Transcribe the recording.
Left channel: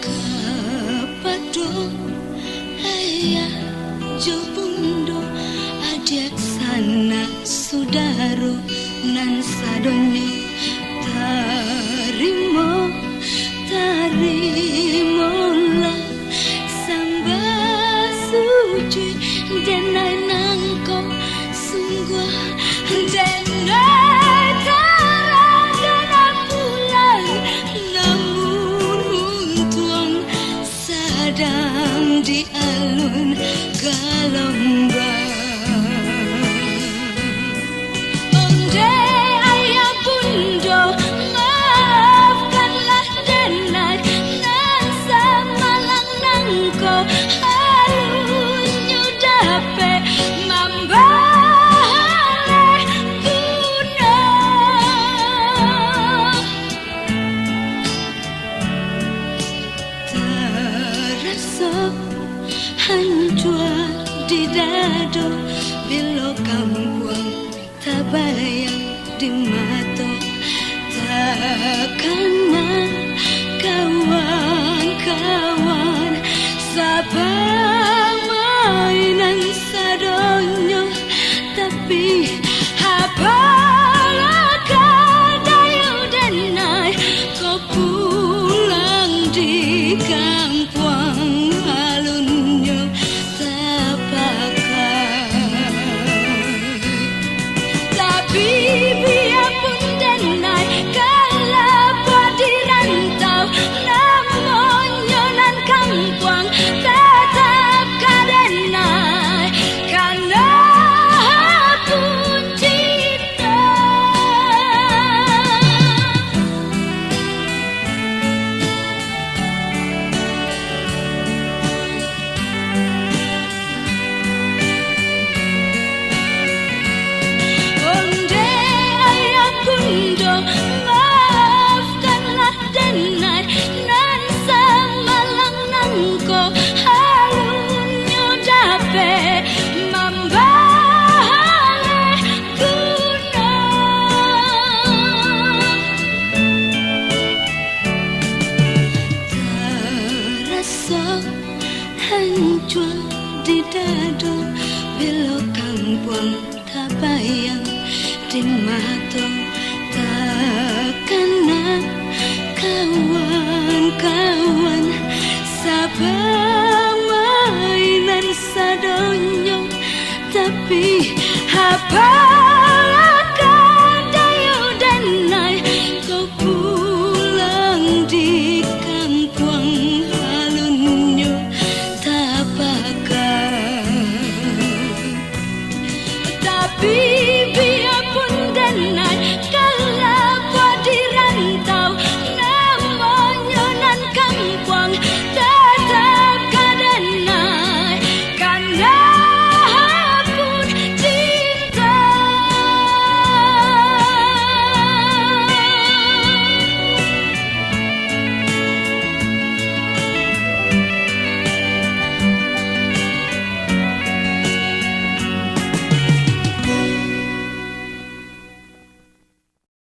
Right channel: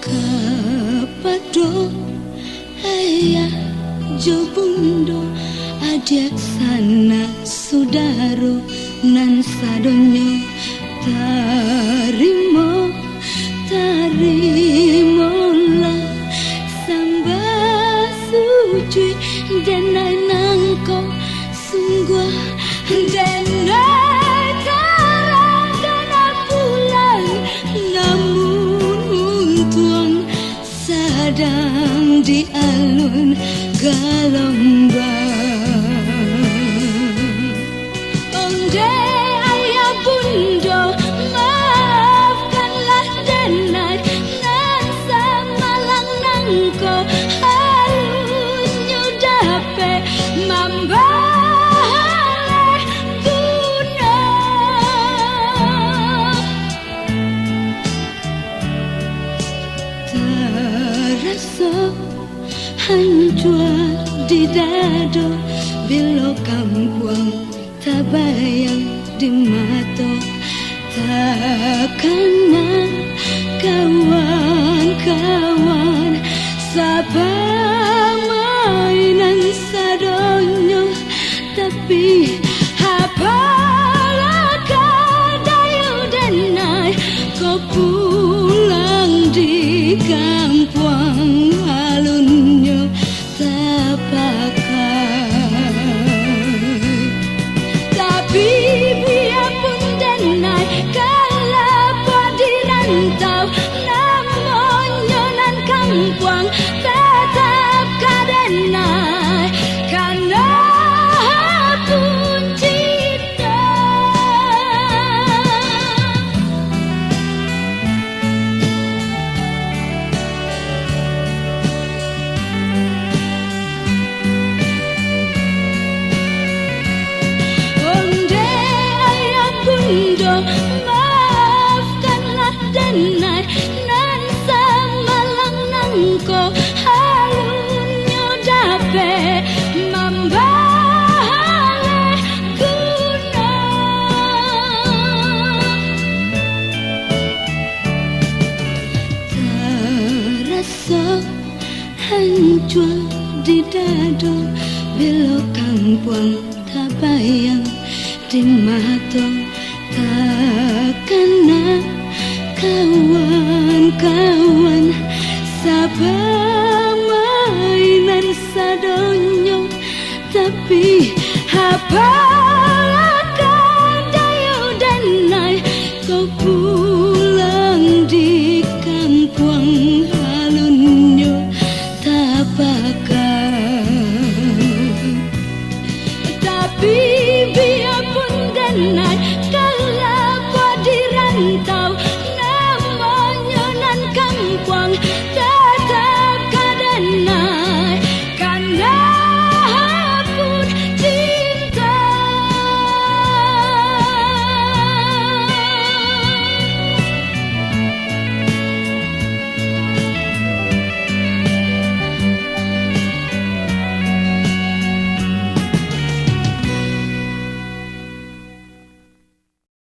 Kapado ayah jobundo adik sana sudaro nan sadonyo tarimolah samba suci denai nangko sungguh denai karagana pulang namun untung sedang di alun Galombang. Onde ayah bundo maafkanlah denai nan samalang nangko alunyo dape mambale guna terasa hancur di dado bila kampung tak bayang di mata takkan kawan-kawan sabang mainan sadonyo tapi apalah kadayu denai kau pulang di kampung alunyo tak pakai tapi biarpun denai kalau di rantau namun nyonan kampung tetap kadenai karena pun cinta. Onde ayah bundo maafkanlah denai nan samalang nangko alunyo dape mambale guna terasa hancur di dado bila kampung tak bayang di mata takkan kawan-kawan sabang mainan sadonyo tapi apalah kadayu denai kau pulang di kampung alunyo tak pakai tapi biarpun denai kalau di rantau